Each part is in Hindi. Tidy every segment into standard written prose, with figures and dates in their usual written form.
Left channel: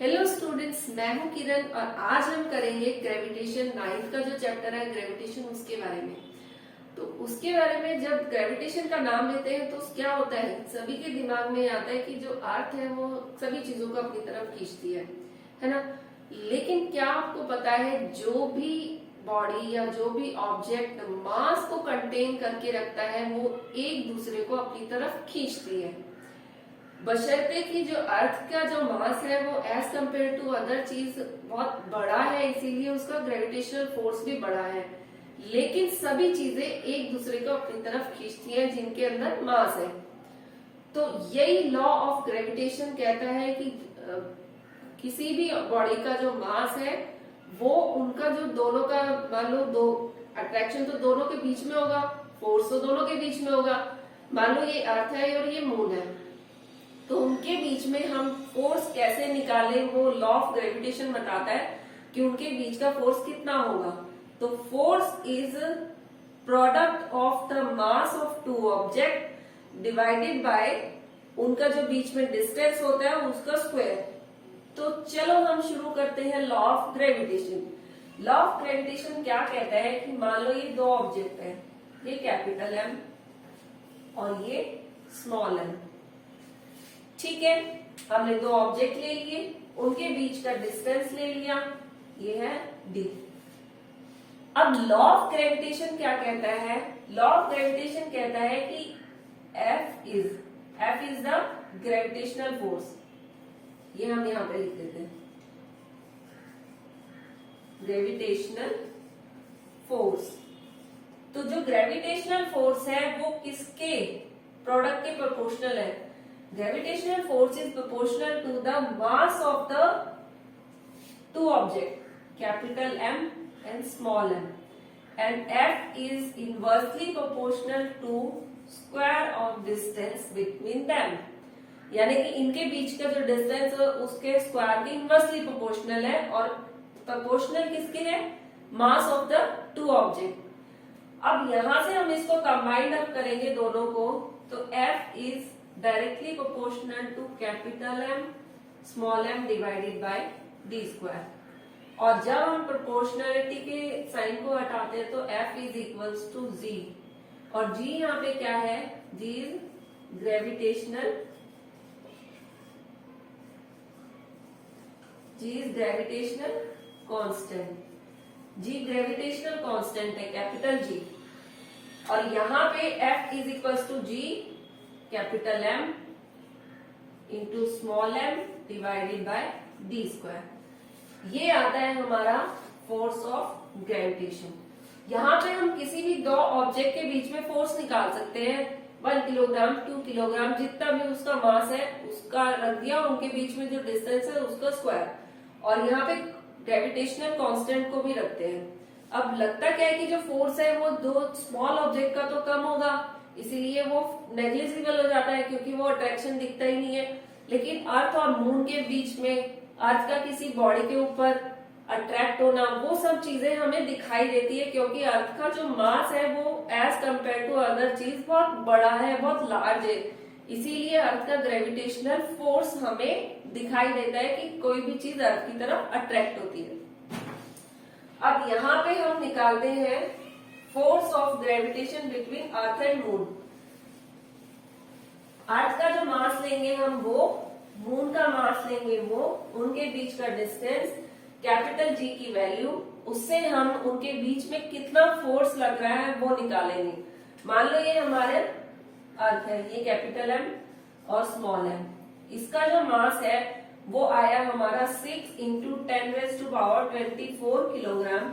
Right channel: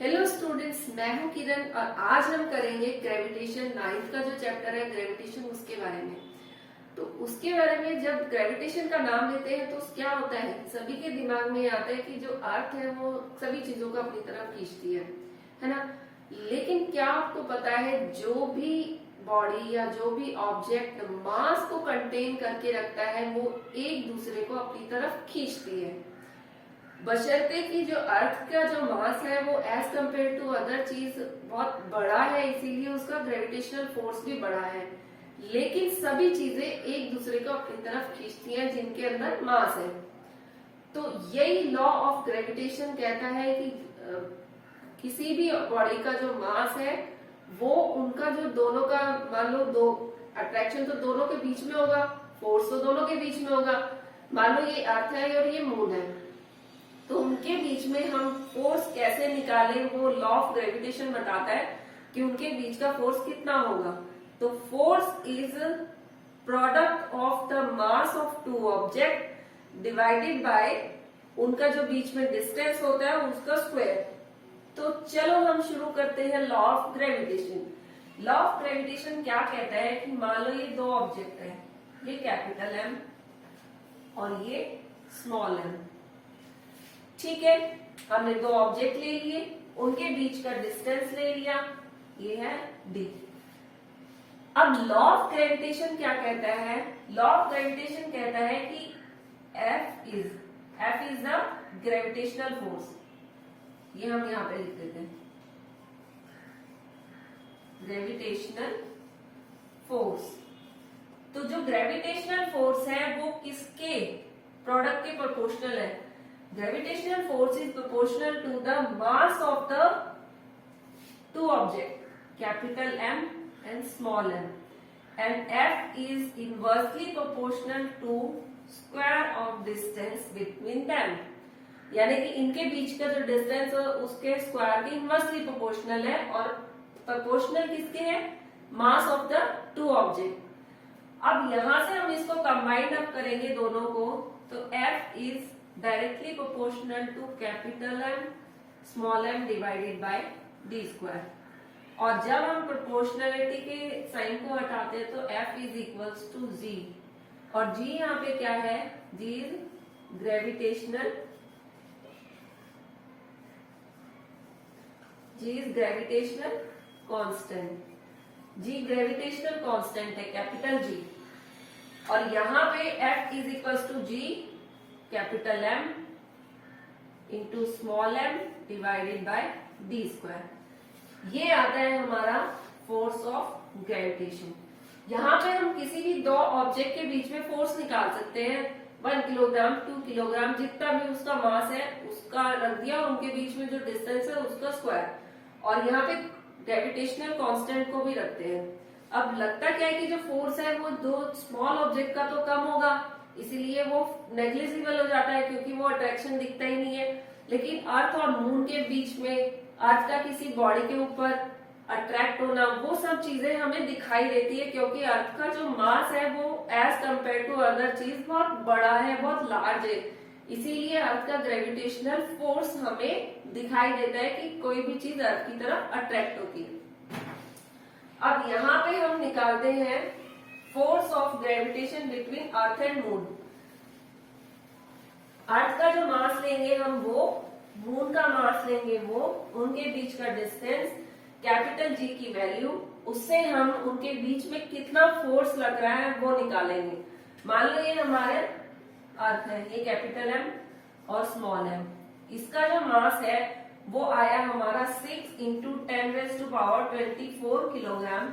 हेलो स्टूडेंट्स, मैं हूं किरण और आज हम करेंगे ग्रेविटेशन 9th का जो चैप्टर है ग्रेविटेशन उसके बारे में। तो उसके बारे में जब ग्रेविटेशन का नाम लेते हैं तो क्या होता है, सभी के दिमाग में आता है कि जो अर्थ है वो सभी चीजों को अपनी तरफ खींचती है ना। लेकिन क्या आपको पता है जो भी बॉडी या जो भी ऑब्जेक्ट मास को कंटेन करके रखता है वो एक दूसरे को अपनी तरफ खींचती है, बशर्ते कि जो अर्थ का जो मास है वो एज कम्पेयर टू अदर चीज बहुत बड़ा है, इसीलिए उसका ग्रेविटेशनल फोर्स भी बड़ा है। लेकिन सभी चीजें एक दूसरे को अपनी तरफ खींचती हैं जिनके अंदर मास है। तो यही लॉ ऑफ ग्रेविटेशन कहता है कि किसी भी बॉडी का जो मास है वो उनका जो दोनों का, मान लो दो अट्रैक्शन तो दोनों के बीच में होगा, फोर्स तो दोनों के बीच में होगा। मान लो ये अर्थ है और ये मून है, तो उनके बीच में हम फोर्स कैसे निकालें, वो लॉ ऑफ ग्रेविटेशन बताता है कि उनके बीच का फोर्स कितना होगा। तो force is product of the mass of two object divided by उनका जो बीच में डिस्टेंस होता है उसका स्क्वायर। तो चलो हम शुरू करते हैं law of gravitation. Law of gravitation क्या कहता है कि मान लो ये दो ऑब्जेक्ट है, ये कैपिटल एम और ये स्मॉल एम। ठीक है, हमने दो ऑब्जेक्ट ले लिए, उनके बीच का डिस्टेंस ले लिया, ये है d। अब लॉ ऑफ ग्रेविटेशन क्या कहता है? लॉ ऑफ ग्रेविटेशन कहता है कि F is the gravitational force. ये हम यहां पे लिख देते हैं, ग्रेविटेशनल फोर्स। तो जो ग्रेविटेशनल फोर्स है वो किसके प्रोडक्ट के प्रोपोर्शनल है? Gravitational force is proportional to the mass of the two objects, capital M and small m, and F is inversely proportional to square of distance between them। यानी कि इनके बीच का जो डिस्टेंस है उसके स्क्वायर के इनवर्सली प्रोपोर्शनल है, और प्रोपोर्शनल किसके है? Mass of the two object. अब यहां से हम इसको कंबाइंड अप करेंगे दोनों को, तो F is directly proportional to capital M small m divided by d square. और जब हम प्रोपोर्शनलिटी के साइन को हटाते हैं तो F is equals to G, और G यहाँ पे क्या है? G is gravitational, G is gravitational constant. G gravitational constant है, कैपिटल G। और यहाँ पे F is equals to G capital M into small m divided by d square. ये आता है हमारा फोर्स ऑफ ग्रेविटेशन। यहाँ पे हम किसी भी दो ऑब्जेक्ट के बीच में फोर्स निकाल सकते हैं, 1 किलोग्राम 2 किलोग्राम जितना भी उसका मास है उसका रख दिया, उनके बीच में जो डिस्टेंस है उसका स्क्वायर, और यहाँ पे ग्रेविटेशनल कांस्टेंट को भी रखते हैं। अब लगता क्या है कि जो फोर्स है वो दो स्मॉल ऑब्जेक्ट का तो कम होगा, इसीलिए वो नेग्लिजिबल हो जाता है क्योंकि वो अट्रैक्शन दिखता ही नहीं है। लेकिन अर्थ और मून के बीच में, अर्थ का किसी बॉडी के ऊपर अट्रैक्ट होना, वो सब चीजें हमें दिखाई देती है क्योंकि अर्थ का जो मास है वो एज कम्पेयर टू अदर चीज बहुत बड़ा है, बहुत लार्ज है। इसीलिए अर्थ का ग्रेविटेशनल फोर्स हमें दिखाई देता है कि कोई भी चीज अर्थ की तरफ अट्रैक्ट होती है। अब यहाँ पे हम निकालते हैं force of gravitation between earth and moon. Earth का जो मास लेंगे हम वो, मून का मास लेंगे वो, उनके बीच का डिस्टेंस, कैपिटल G की वैल्यू, उससे हम उनके बीच में कितना फोर्स लग रहा है वो निकालेंगे। मान लो ये हमारे अर्थ है, ये कैपिटल M और स्मॉल m। इसका जो मास है वो आया हमारा 6 इंटू 10⁻24 किलोग्राम,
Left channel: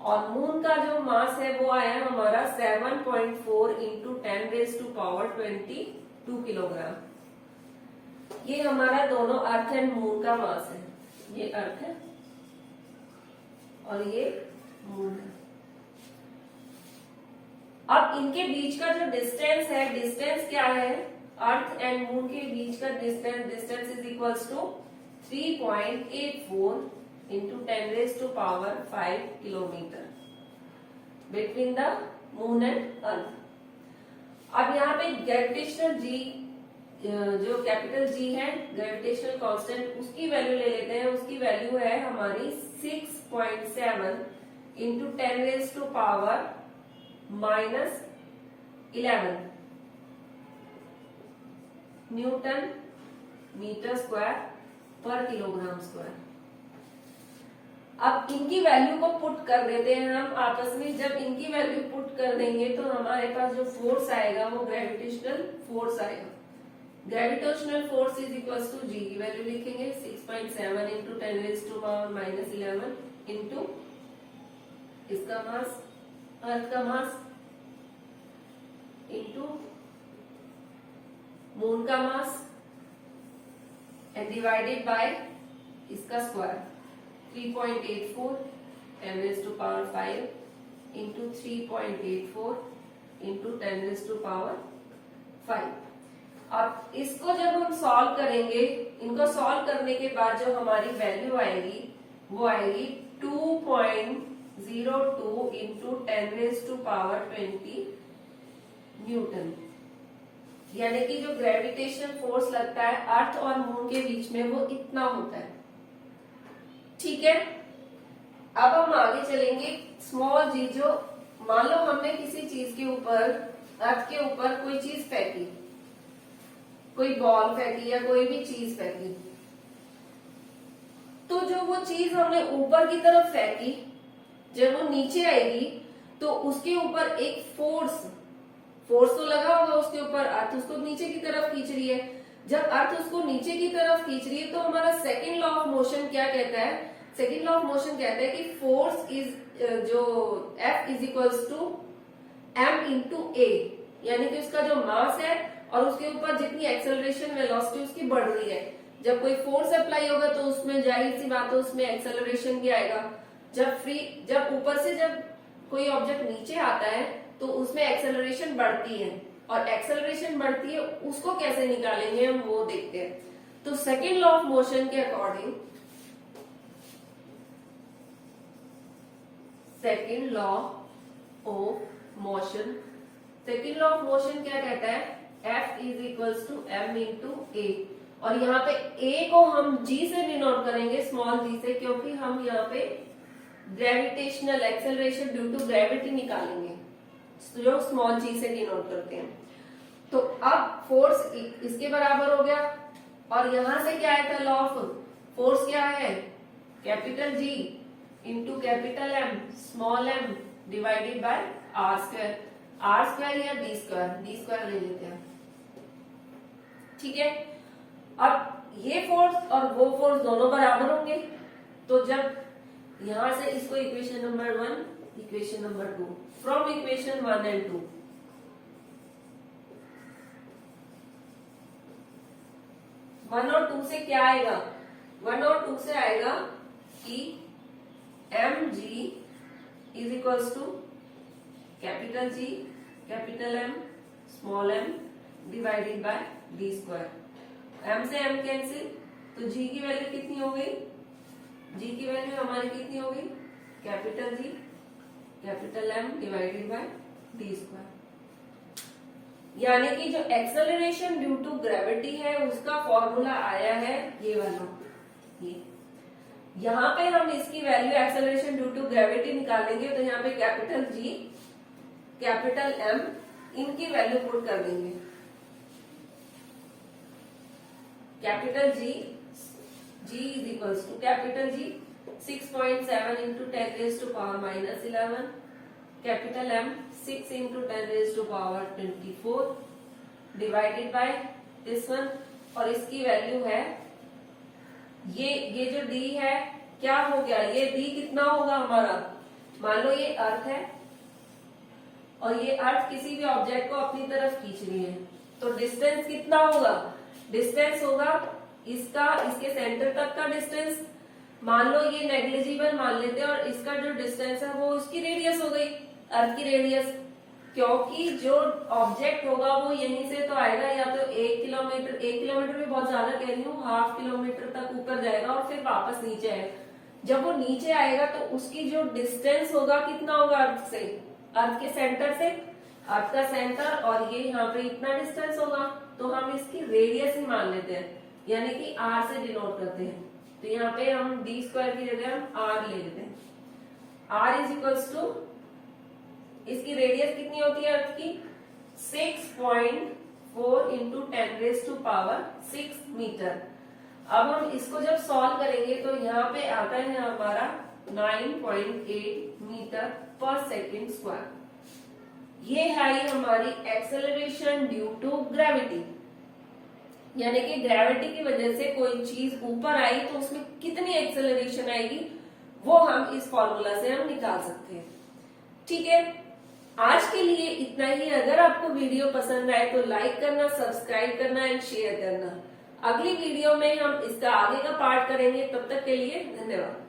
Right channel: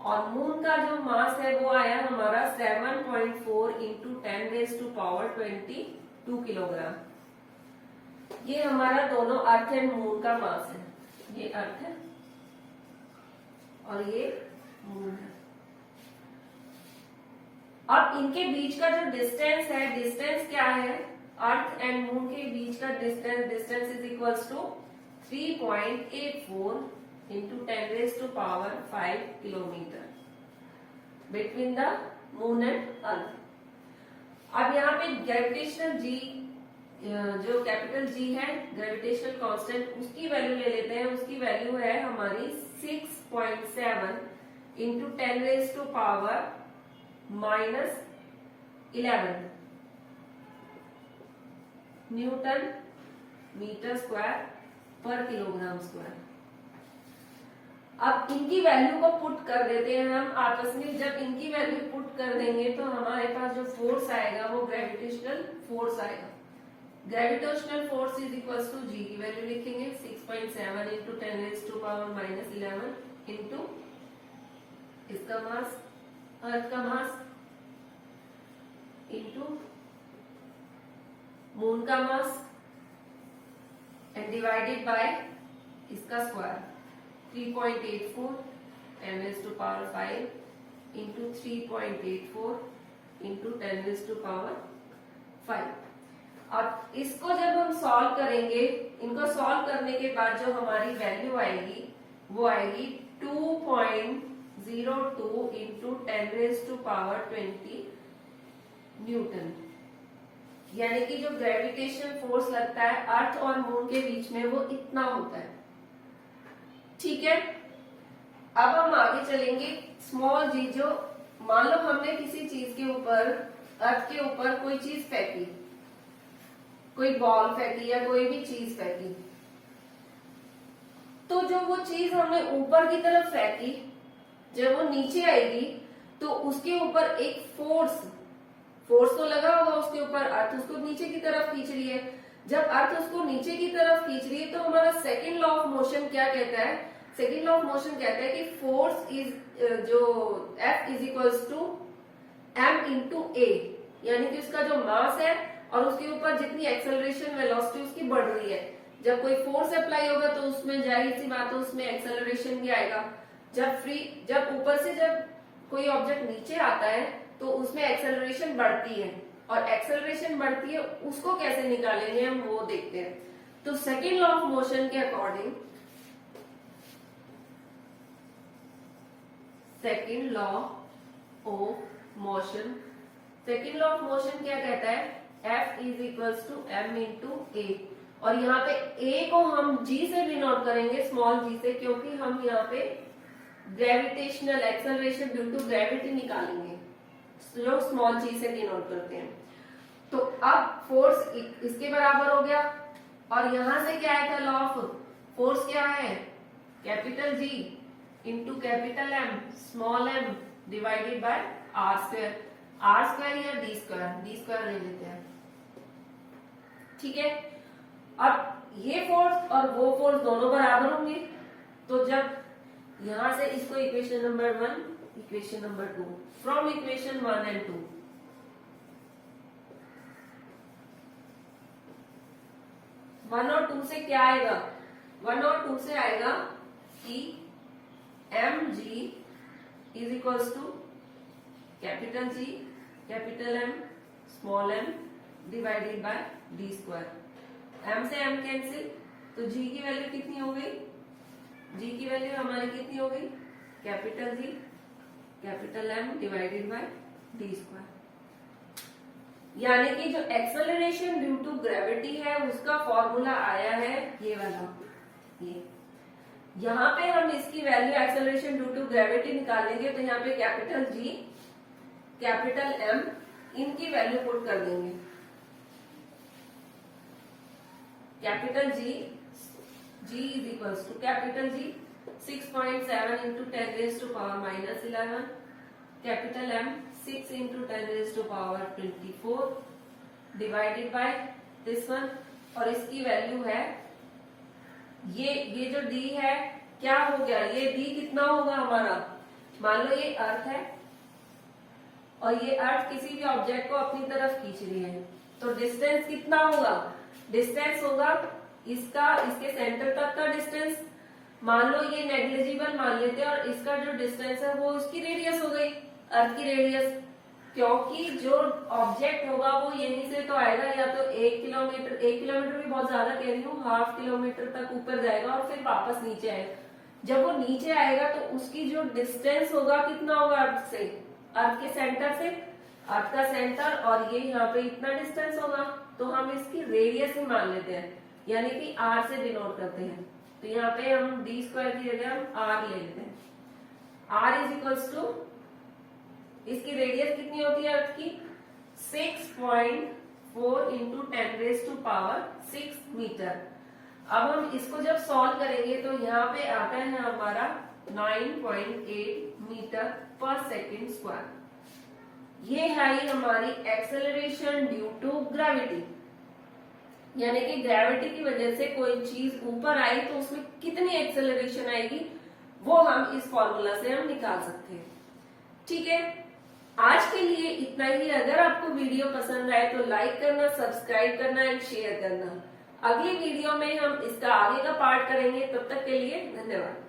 और मून का जो मास है वो आया हमारा 7.4 इंटू 10⁻22 किलोग्राम। ये हमारा दोनों अर्थ एंड मून का मास है। ये अर्थ है और ये मून है। अब इनके बीच का जो डिस्टेंस है, डिस्टेंस क्या है? अर्थ एंड मून के बीच का distance is equals to 3.84 into 10⁻5 kilometre between the moon and earth. अब यहाँ पे ग्रेविटेशनल G जो कैपिटल जी है ग्रेविटेशनल कांस्टेंट, उसकी वैल्यू ले लेते हैं। उसकी वैल्यू है हमारी 6.7 इंटू 10⁻⁻11 न्यूटन मीटर स्क्वायर पर किलोग्राम स्क्वायर। अब इनकी वैल्यू को पुट कर देते हैं हम आपस में। जब इनकी वैल्यू पुट कर देंगे तो हमारे पास जो फोर्स आएगा वो ग्रेविटेशनल फोर्स आएगा। Gravitational force is equal to G की वैल्यू लिखेंगे 6.7 इंटू 10⁻⁻11 इंटू इसका मास, अर्थ का मास, इंटू मून का मास एंड डिवाइडेड बाय इसका स्क्वायर 3.84 10⁻5 इंटू 3.84 इंटू 10⁻5। अब इसको जब हम सॉल्व करेंगे, इनको सॉल्व करने के बाद जो हमारी वैल्यू आएगी वो आएगी 2.02 इंटू 10⁻20 न्यूटन। यानी कि जो ग्रेविटेशन फोर्स लगता है अर्थ और मून के बीच में वो इतना होता है। ठीक है, अब हम आगे चलेंगे। स्मॉल जी, जो मान लो हमने किसी चीज के ऊपर, अर्थ के ऊपर कोई चीज फेंकी, कोई बॉल फेंकी या कोई भी चीज फेंकी, तो जो वो चीज हमने ऊपर की तरफ फेंकी, जब वो नीचे आएगी तो उसके ऊपर एक फोर्स तो लगा होगा उसके ऊपर, अर्थ उसको नीचे की तरफ खींच रही है। जब अर्थ उसको नीचे की तरफ खींच रही है तो हमारा सेकेंड लॉ ऑफ मोशन क्या कहता है? सेकेंड लॉ ऑफ मोशन कहता है कि फोर्स इज जो F is equals to m into a, यानी कि उसका जो मास है और उसके ऊपर जितनी एक्सेलरेशन वेलोसिटी उसकी बढ़ रही है। जब कोई फोर्स अप्लाई होगा तो उसमें जाहिर सी बात है उसमें एक्सेलरेशन भी आएगा। जब ऊपर से जब कोई ऑब्जेक्ट नीचे आता है तो उसमें एक्सेलरेशन बढ़ती है, और एक्सेलरेशन बढ़ती है उसको कैसे निकालेंगे हम वो देखते हैं। तो सेकेंड लॉ ऑफ मोशन के according, second law of motion क्या कहता है? F is equals to m into a, और यहाँ पे a को हम g से डिनोट करेंगे, स्मॉल g से, क्योंकि हम यहाँ पे gravitational acceleration due to gravity निकालेंगे जो स्मॉल g से डिनोट करते हैं। तो अब फोर्स इसके बराबर हो गया, और यहां से क्या है? लॉ ऑफ फोर्स क्या है? Capital G into capital M small m divided bye r square. r square या d स्क्वायर ले लेते हैं। ठीक है, अब ये फोर्स और वो फोर्स दोनों बराबर होंगे। तो जब यहां से इसको equation number 1, equation number 2, from equation 1 and 2, one और टू से क्या आएगा? 1 और 2 से आएगा कि mg is equals to capital G capital M small m divided by d square. m से m कैंसिल, तो g की वैल्यू कितनी हो गई? g की वैल्यू हमारी कितनी हो गई? Capital G capital M divided by d square. यानी कि जो एक्सेलरेशन ड्यू टू ग्रेविटी है उसका फॉर्मूला आया है ये वाला। ये यहाँ पे हम इसकी value acceleration due to gravity निकालेंगे, तो यहाँ पे कैपिटल G कैपिटल M इनकी वैल्यू पुट कर देंगे। Capital G is equals to capital G 6.7 into 10⁻⁻11, capital M 6 into 10⁻24 divided by this one, और इसकी वैल्यू है ये जो D है क्या हो गया? ये D कितना होगा हमारा? मान लो ये अर्थ है और ये अर्थ किसी भी ऑब्जेक्ट को अपनी तरफ खींच रही है, तो डिस्टेंस कितना होगा? डिस्टेंस होगा इसका, इसके सेंटर तक का डिस्टेंस मान लो ये नेग्लिजिबल मान लेते हैं, और इसका जो डिस्टेंस है वो इसकी रेडियस हो गई, अर्थ की रेडियस। क्योंकि जो ऑब्जेक्ट होगा वो यहीं से तो आएगा, या तो 1 किलोमीटर, 1 किलोमीटर भी बहुत ज्यादा कह रही हूँ, ½ किलोमीटर तक ऊपर जाएगा और फिर वापस नीचे आएगा। जब वो नीचे आएगा तो उसकी जो डिस्टेंस होगा कितना होगा अर्थ से, अर्थ के सेंटर से? अर्थ का सेंटर और ये यहाँ पे इतना डिस्टेंस होगा, तो हम इसकी रेडियस ही मान लेते हैं, यानी कि r से डिनोट करते हैं। तो यहाँ पे हम d स्क्वायर की जगह हम r ले लेते हैं। r इज इक्वल्स टू, इसकी रेडियस कितनी होती है अर्थ की, 6.4 इंटू 10⁻⁶ मीटर। अब हम इसको जब सॉल्व करेंगे तो यहाँ पे आता है हमारा 9.8 मीटर पर सेकेंड स्क्वायर। ये है हमारी एक्सेलरेशन ड्यू टू ग्रेविटी, यानी कि ग्रेविटी की वजह से कोई चीज ऊपर आई तो उसमें कितनी एक्सेलरेशन आएगी वो हम इस फॉर्मूला से हम निकाल सकते हैं। ठीक है, आज के लिए इतना ही। अगर आपको वीडियो पसंद आए तो लाइक करना, सब्सक्राइब करना एंड शेयर करना। अगली वीडियो में हम इसका आगे का पार्ट करेंगे। तब तक के लिए धन्यवाद।